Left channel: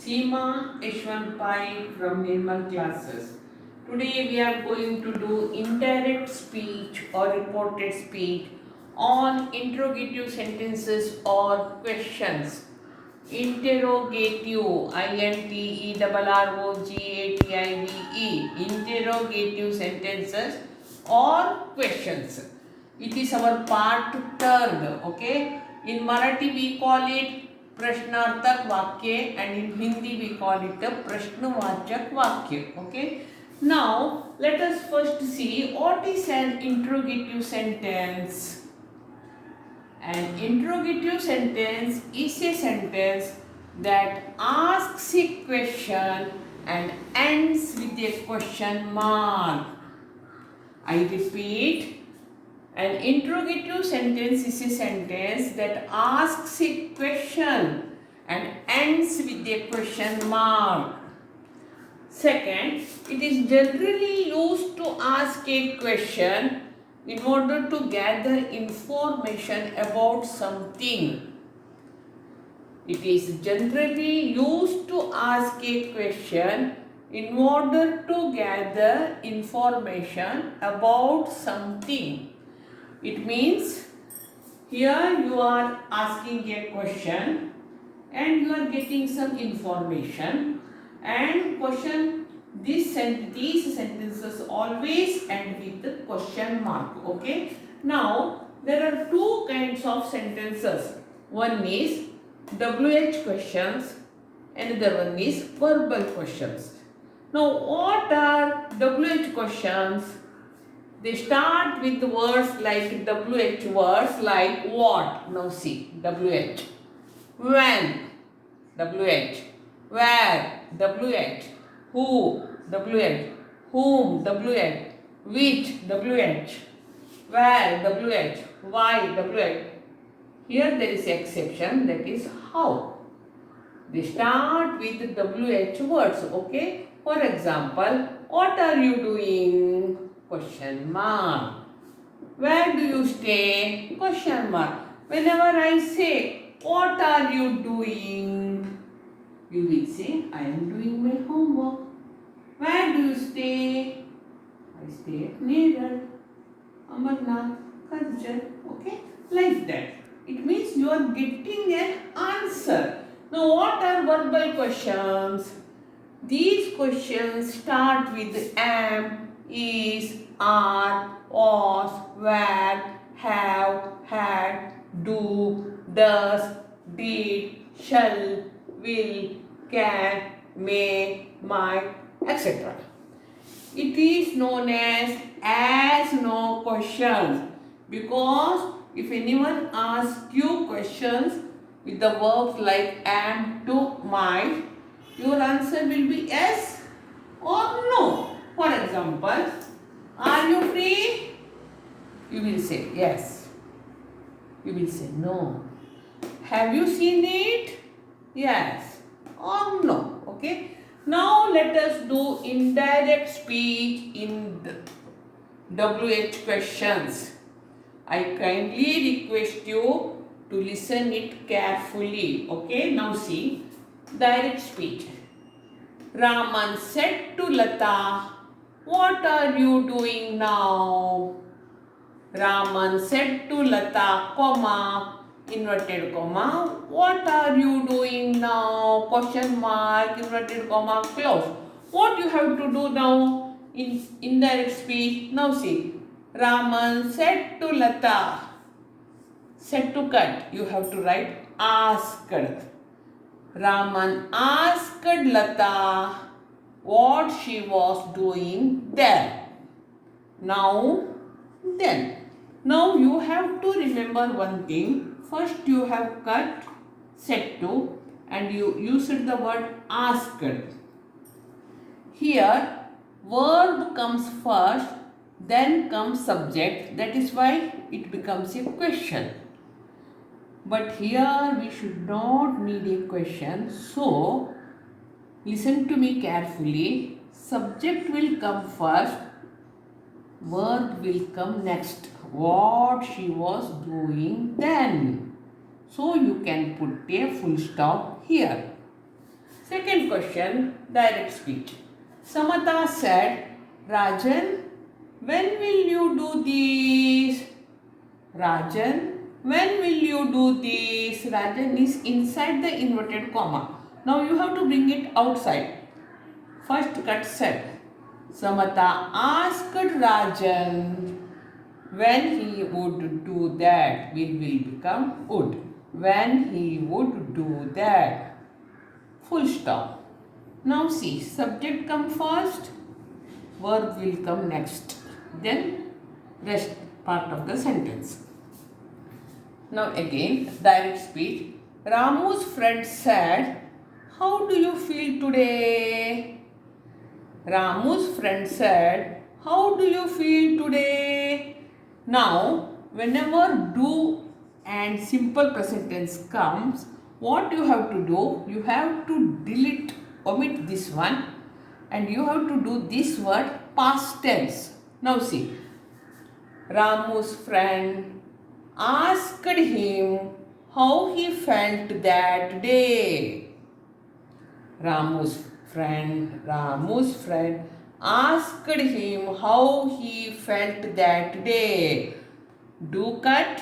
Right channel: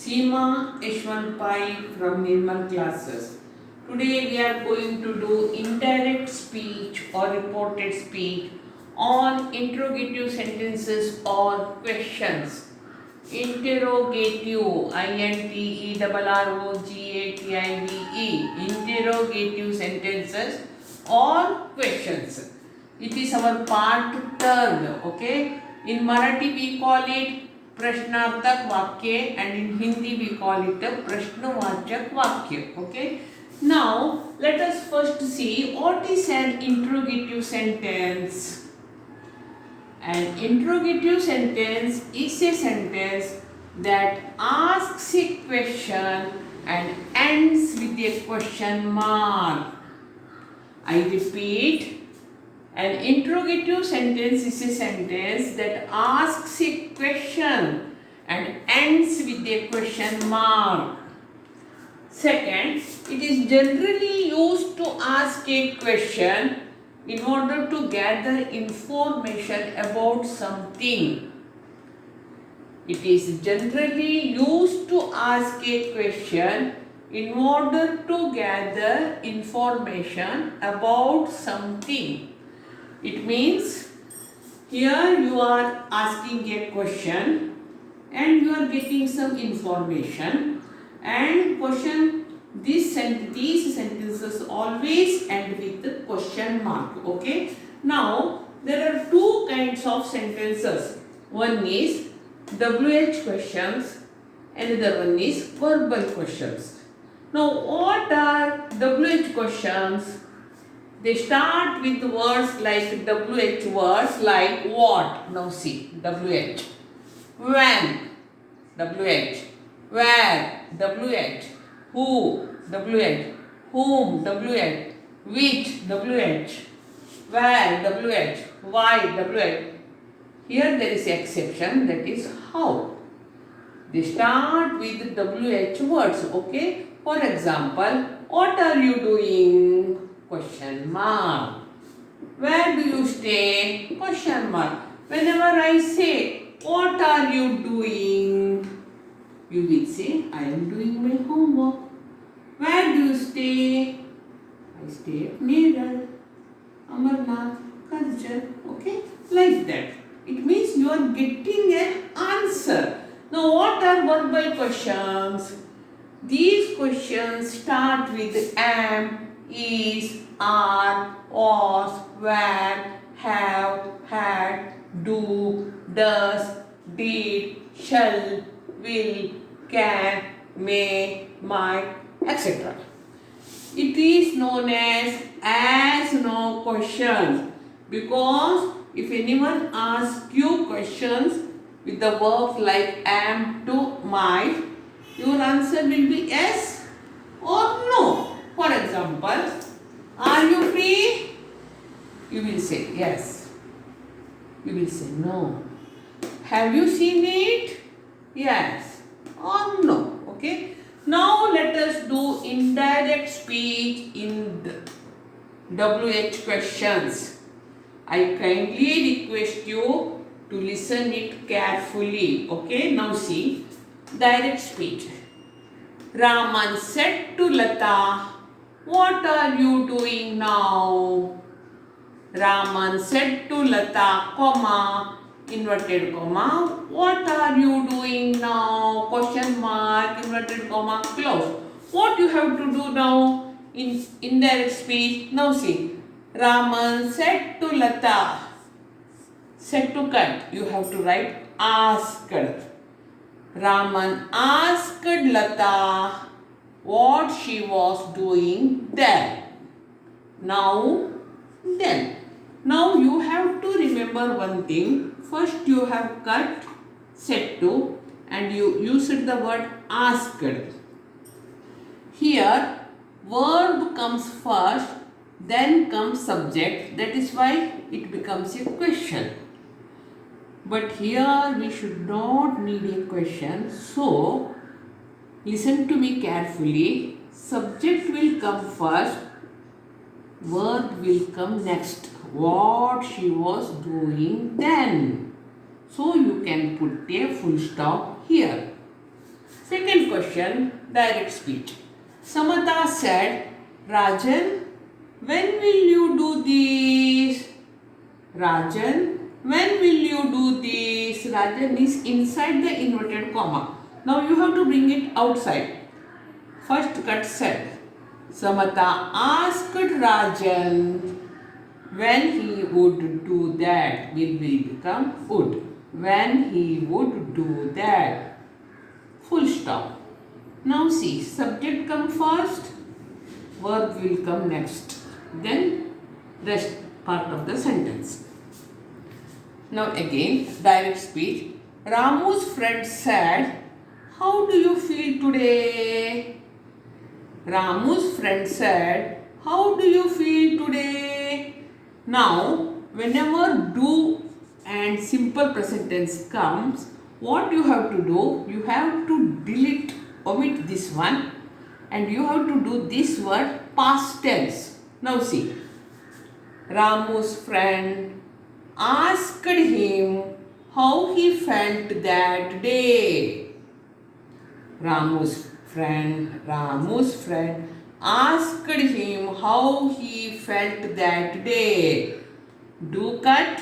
Seema H1 Pai from Nirmal classes. Today we are going to do indirect speech or reported speech on interrogative sentences or questions. Interrogative, INTERROGATIVE, interrogative sentences or questions. It is our part third, okay? In Marathi we call it प्रश्नार्थक वाक्य and in Hindi we call it a प्रश्नवाचक वाक्य, okay? Now let us first see what is an interrogative sentence. An interrogative sentence is a sentence that asks a question and ends with a question mark. I repeat, an interrogative sentence is a sentence that asks a question and ends with a question mark. Second, it is generally used to ask a question in order to gather information about something. It is generally used to ask a question in order to gather information about something. It means here you are asking a question and you are getting some information, and these sentences always end with the question mark, okay? Now there are two kinds of sentences. One is WH questions, another one is verbal questions. Now what are WH questions? They start with words like WH words like what. Now see, WH. When, WH. Where, WH. Who, WH. Whom, WH. Which, WH. Where, WH. Why, WH. Here there is exception, that is how. They start with WH words, okay. For example, what are you doing? Question mark. Where do you stay? Question mark. Whenever I say, what are you doing? You will say, I am doing my homework. Where do you stay? I stay at Neral, Amarnath, Karjan. Okay? Like that. It means you are getting an answer. Now what are verbal questions? These questions start with am, is, are, was, were, have, had, do, does, did, shall, will, can, may, might, etc. It is known as no questions, because if anyone asks you questions with the verbs like am to might, your answer will be yes or no. For example, are you free? You will say yes. You will say no. Have you seen it? Yes or no. Okay. Now let us do indirect speech in the WH questions. I kindly request you to listen it carefully. Okay. Now see, direct speech. Raman said to Lata, what are you doing now? Raman said to Lata, comma, inverted comma, what are you doing now? Question mark, inverted comma, close. What you have to do now in indirect speech? Now see, Raman said to Lata, said to cut, you have to write asked. Raman asked Lata what she was doing there. Now, then. Now you have to remember one thing. First you have cut said to and you used the word asked. Here verb comes first, then comes subject. That is why it becomes a question. But here we should not need a question. So listen to me carefully. Subject will come first, verb will come next. What she was doing then. So you can put a full stop here. Second question, direct speech. Samata said, Rajan, when will you do this? Rajan, when will you do this? Rajan is inside the inverted comma. Now you have to bring it outside. First cut said, Samata asked Rajan when he would do that. Will become would. When he would do that. Full stop. Now see, subject come first, verb will come next. Then rest part of the sentence. Now again, direct speech. Ramu's friend said, how do you feel today? Ramu's friend said, how do you feel today? Now, whenever do and simple present tense comes, what you have to do? You have to omit this one, and you have to do this word past tense. Now see, Ramu's friend asked him how he felt that day. Ramu's friend asked him how he felt that day. Do cut.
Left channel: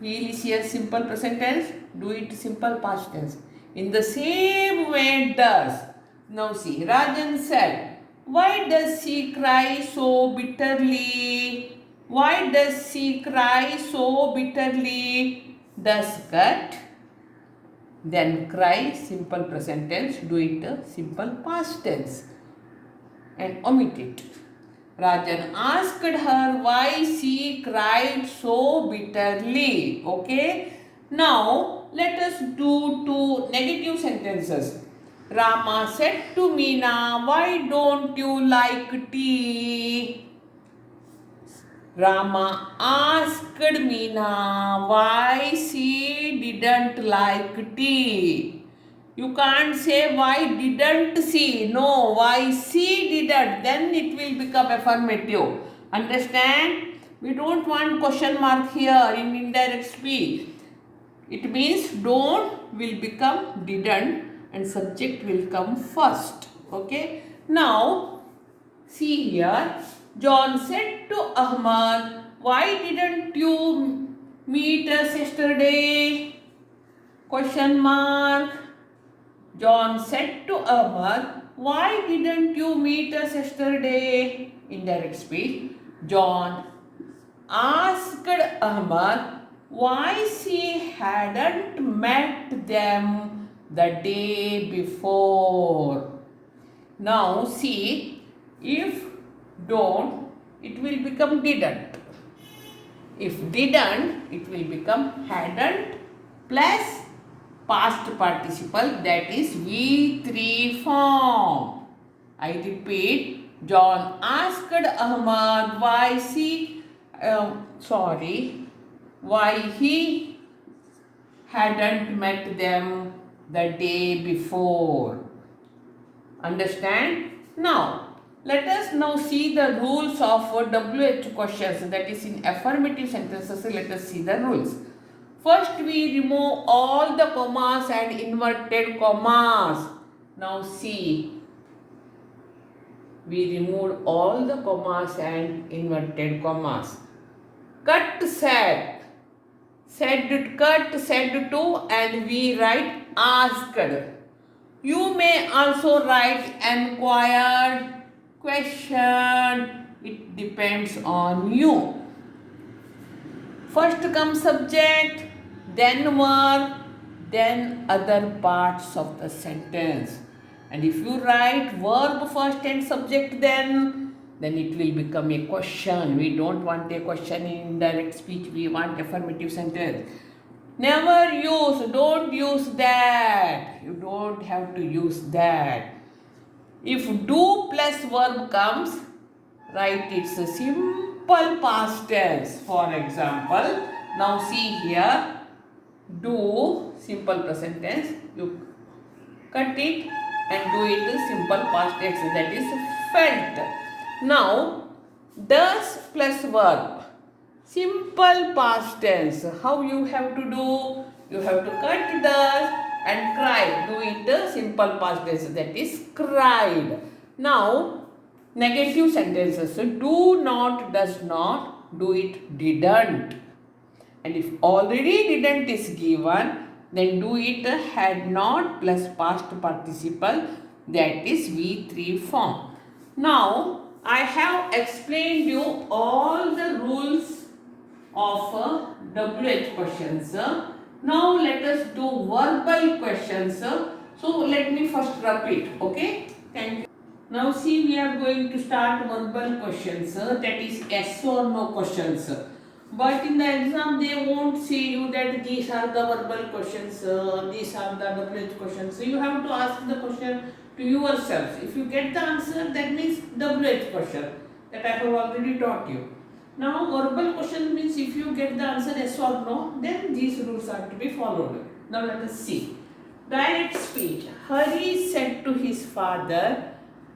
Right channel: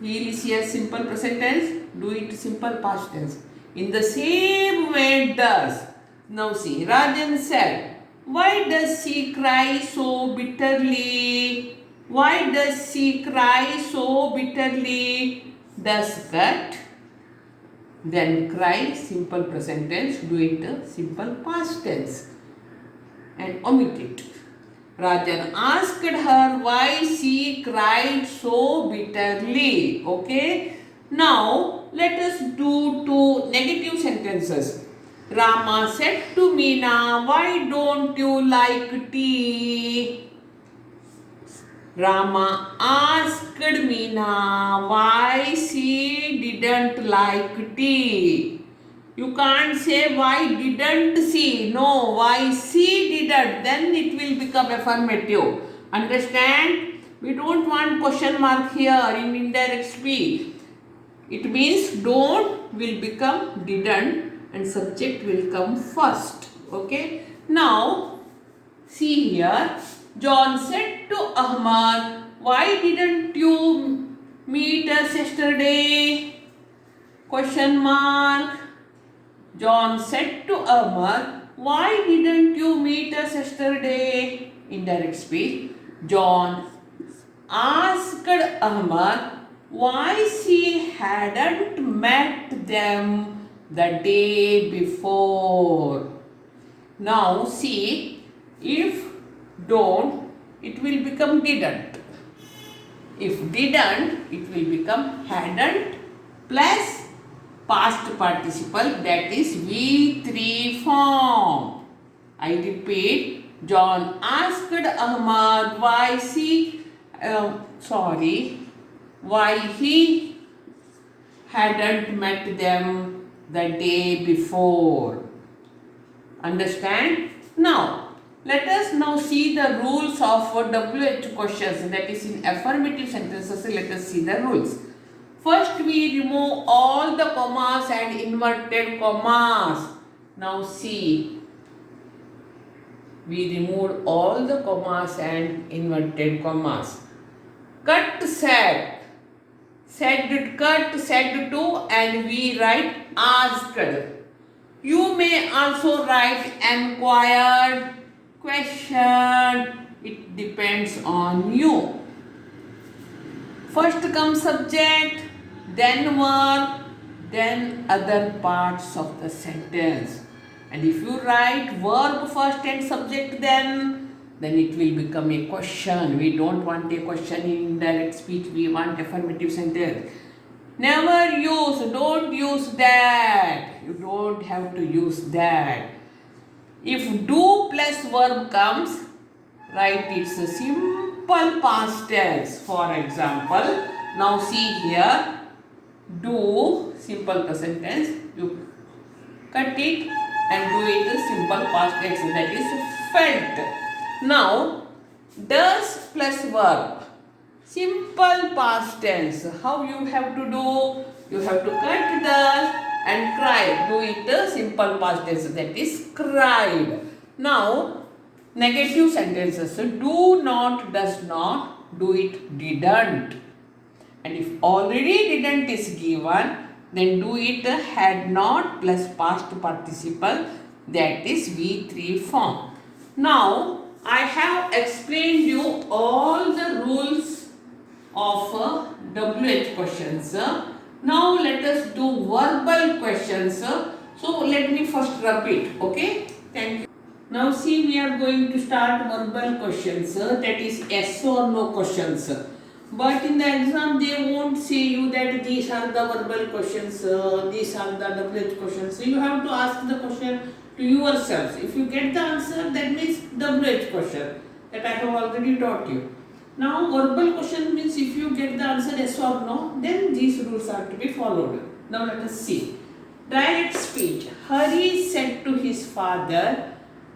Here is here simple present tense. Do it simple past tense. In the same way does. Now see, Rajan said, why does she cry so bitterly? Why does she cry so bitterly? Does cut. Then cry, simple present tense. Do it simple past tense. And omit it. Rajan asked her why she cried so bitterly. Okay. Now, let us do two negative sentences. Rama said to Meena, why don't you like tea? Rama asked Meena why she didn't like tea. You can't say why didn't she. No, why she didn't. Then it will become affirmative. Understand? We don't want question mark here in indirect speech. It means don't will become didn't and subject will come first. Okay. Now, see here. John said to Ahmad, why didn't you meet us yesterday? Question mark. John said to Ahmad, why didn't you meet us yesterday? Indirect speech. John asked Ahmad why she hadn't met them the day before. Now see, if don't, it will become didn't. If didn't, it will become hadn't plus past participle, that is V3 form. I repeat, John asked Ahmad why why he hadn't met them the day before. Understand? Now, let us now see the rules of WH questions, that is in affirmative sentences. Let us see the rules. First, we remove all the commas and inverted commas. Now see, we removed all the commas and inverted commas. Cut said, cut, said to, and we write asked. You may also write enquired, question. It depends on you. First comes subject, then verb, then other parts of the sentence. And if you write verb first and subject then it will become a question. We don't want a question in indirect speech. We want affirmative sentence. Never use, don't use that. You don't have to use that. If do plus verb comes, write it's a simple past tense. For example, now see here, do simple present tense, you cut it and do it a simple past tense, that is felt. Now, does plus verb, simple past tense. How you have to do? You have to cut does and cried. Do it simple past tense, that is cried. Now, negative sentences. Do not, does not, do it, didn't. And if already didn't is given, then do it had not plus past participle, that is V3 form. Now, I have explained you all the rules of WH questions. Now, let us do verbal questions. So, let me first repeat, okay? Thank you. Now, see, we are going to start verbal questions, that is yes or no questions. But in the exam, they won't say you that these are the verbal questions, these are the WH questions. So you have to ask the question to yourselves. If you get the answer, that means WH question that I have already taught you. Now, verbal question means if you get the answer yes or no, then these rules are to be followed. Now, let us see. Direct speech. Hari said to his father,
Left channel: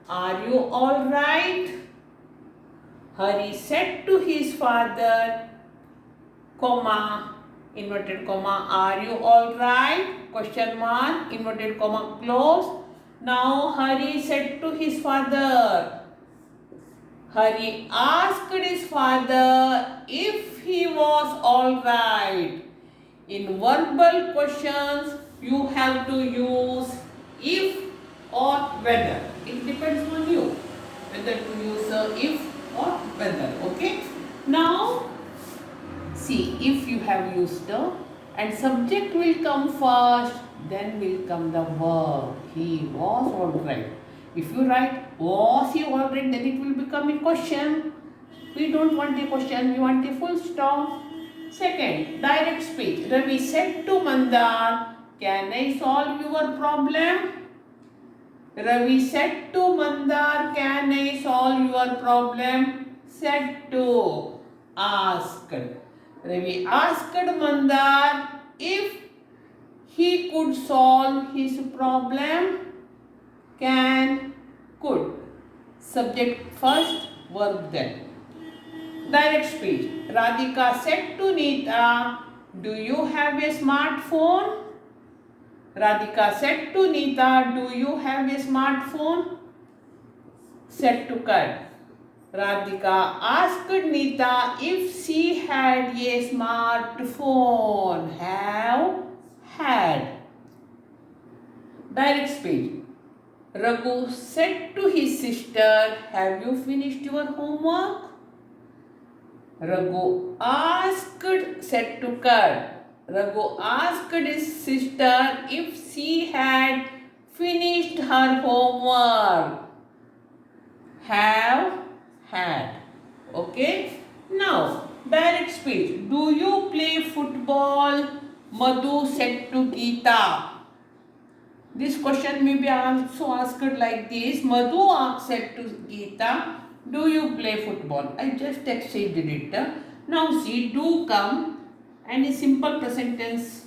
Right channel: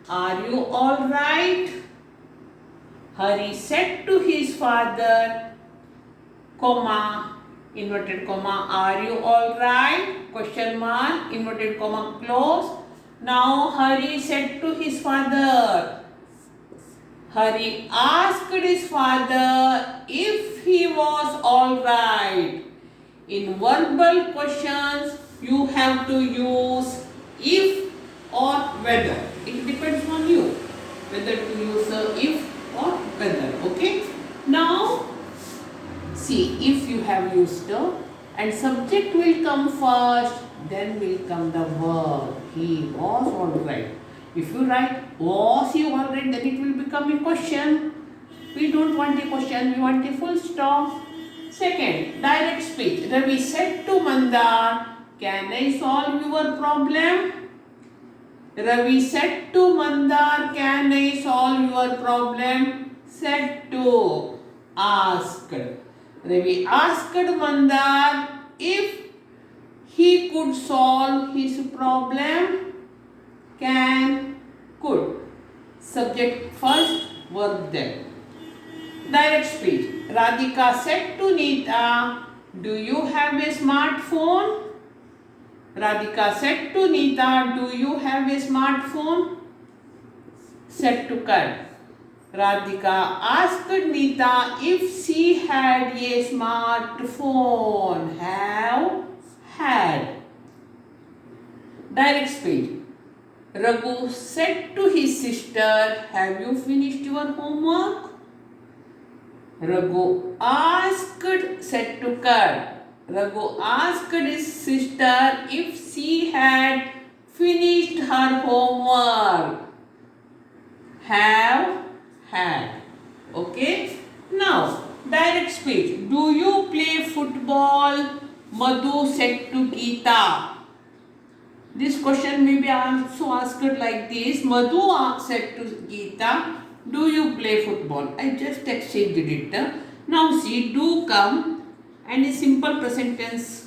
"Are you all right?" Hari said to his father, comma, inverted comma, "Are you all right?" Question mark, inverted comma, close. Now, Hari said to his father. Hari asked his father if he was all right. In verbal questions, you have to use if or whether. It depends on you whether to use if or whether. Okay. Now, see, if you have used and subject will come first, then will come the verb. He was all right. If you write was he all right, then it will become a question. We don't want a question, we want a full stop. Second, direct speech. Ravi said to Mandar, "Can I solve your problem?" Ravi said to Mandar, "Can I solve your problem?" Said to, asked. Ravi asked Mandar if he could solve his problem. Can, could. Subject first, verb then. Direct speech. Radhika said to Neeta, "Do you have a smartphone?" Radhika said to Neeta, "Do you have a smartphone?" Said to Kar. Radhika asked Neeta if she had a smartphone. Have, had. Direct speech. Raghu said to his sister, "Have you finished your homework?" Raghu asked, said to Kar. Raghu asked his sister if she had finished her homework. Have, had. Okay. Now, direct speech. Do you play football? Madhu said to Geeta. This question may be also asked like this. Madhu said to Geeta, "Do you play football?" I just exchanged it. Now see, do come and a simple present tense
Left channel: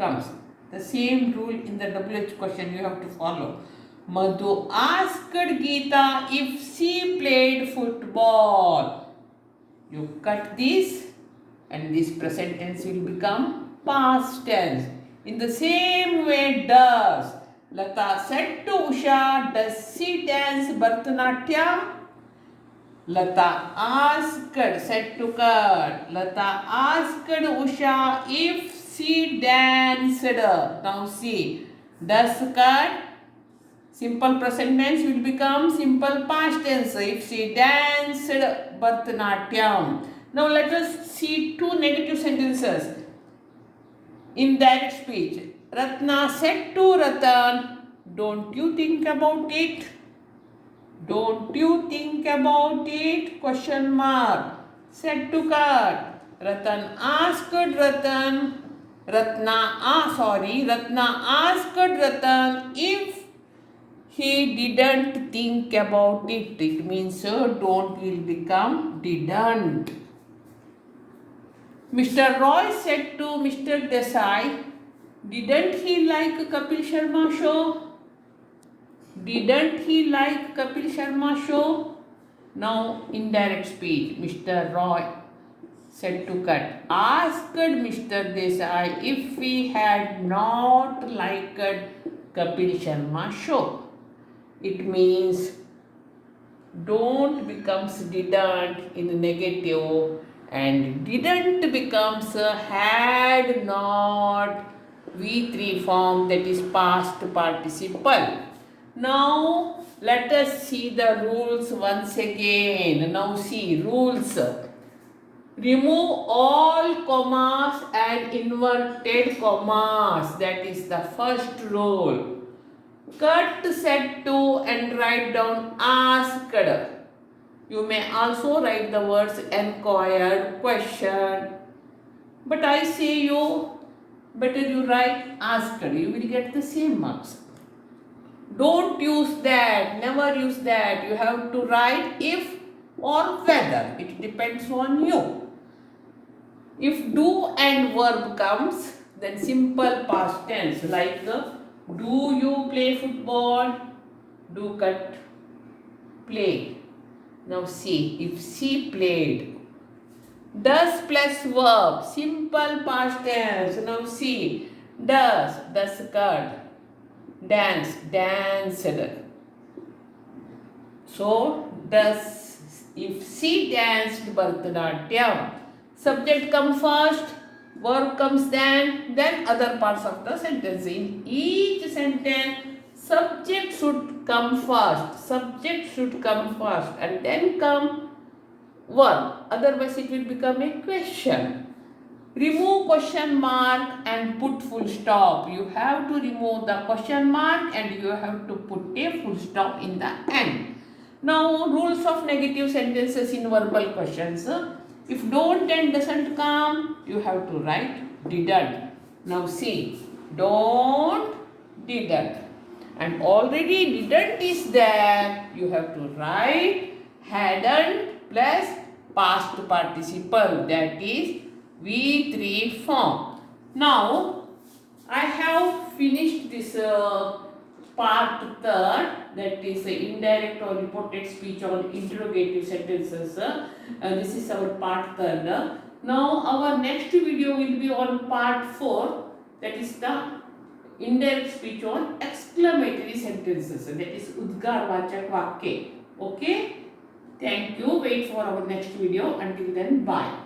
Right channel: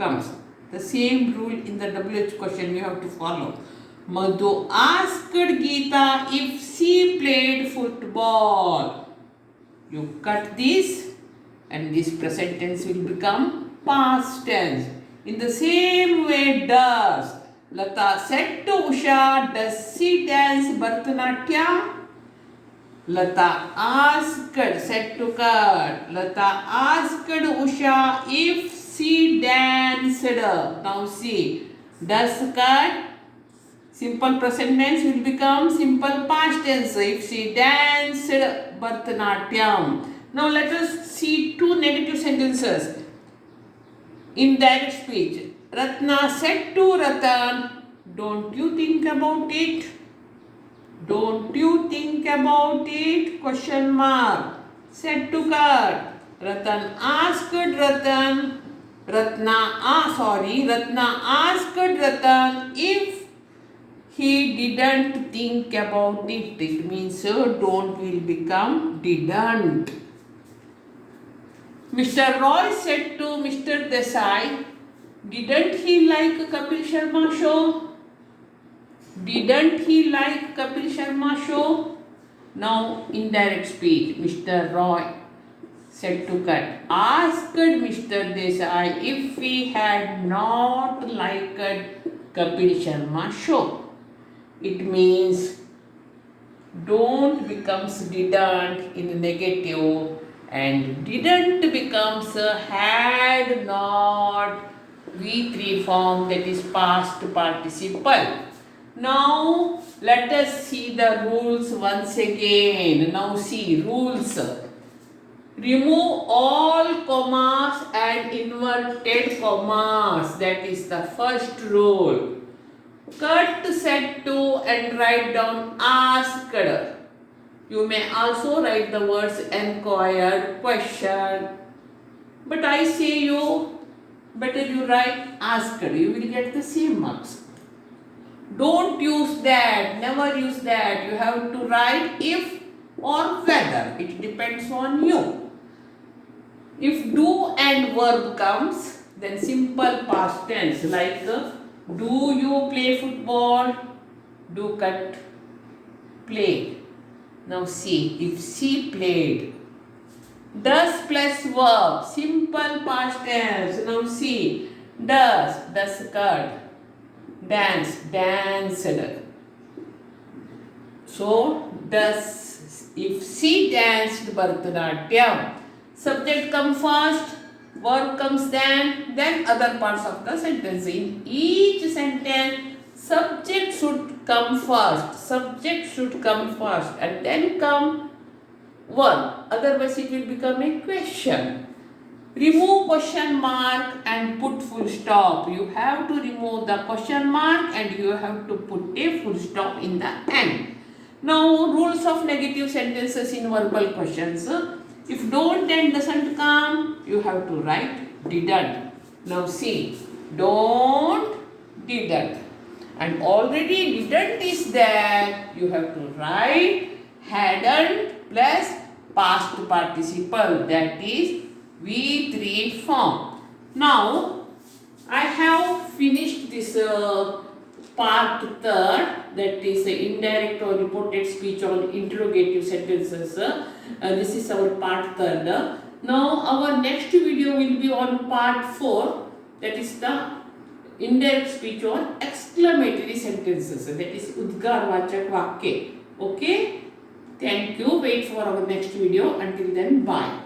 comes. The same rule in the WH question you have to follow. Madhu asked Geeta if she played football. You cut this and this present tense will become past tense. In the same way, does. Lata said to Usha, "Does she dance Bharatanatyam?" Lata asked, said to Kar. Lata asked Usha if she danced. Now see, does Kar, simple present tense will become simple past tense if she danced Bharatanatyam. Now let us see two negative sentences. In direct speech, Ratna said to Ratan, "Don't you think about it?" Don't you think about it? Question mark. Said to Kar. Ratan asked Ratan. Ratna asked Ratan if he didn't think about it. It means don't will become didn't. Mr. Roy said to Mr. Desai, "Didn't he like Kapil Sharma show?" Didn't he like Kapil Sharma show? Now, indirect speech. Mr. Roy said to cut. Asked Mr. Desai if we had not liked Kapil Sharma show. It means don't becomes didn't in negative and didn't becomes had not V3 form, that is past participle. Now let us see the rules once again. Now see rules. Remove all commas and inverted commas. That is the first rule. Cut, said to and write down asked. You may also write the words inquired, question. But I say you, better you write asked. You will get the same marks. Don't use that. Never use that. You have to write if or whether. It depends on you. If do and verb comes, then simple past tense like do you play football? Do cut play. Now see, if she played. Does plus verb, simple past tense. Now see, does cut. Dance, danced. So, does, if she danced Bharatanatyam, subject comes first, verb comes then other parts of the sentence. In each sentence, subject should come first. Subject should come first and then come verb. Otherwise, it will become a question. Remove question mark and put full stop. You have to remove the question mark and you have to put a full stop in the end. Now, rules of negative sentences in verbal questions. If don't and doesn't come, you have to write didn't. Now see, don't, didn't. And already didn't is there. You have to write hadn't plus past participle, that is V3 form. Now, I have finished this part third, that is indirect or reported speech on interrogative sentences. This is our part third. Now, our next video will be on part 4, that is the indirect speech on exclamatory sentences, that is Udgarvachak Vakya. Okay? Thank you. Wait for our next video. Until then, bye.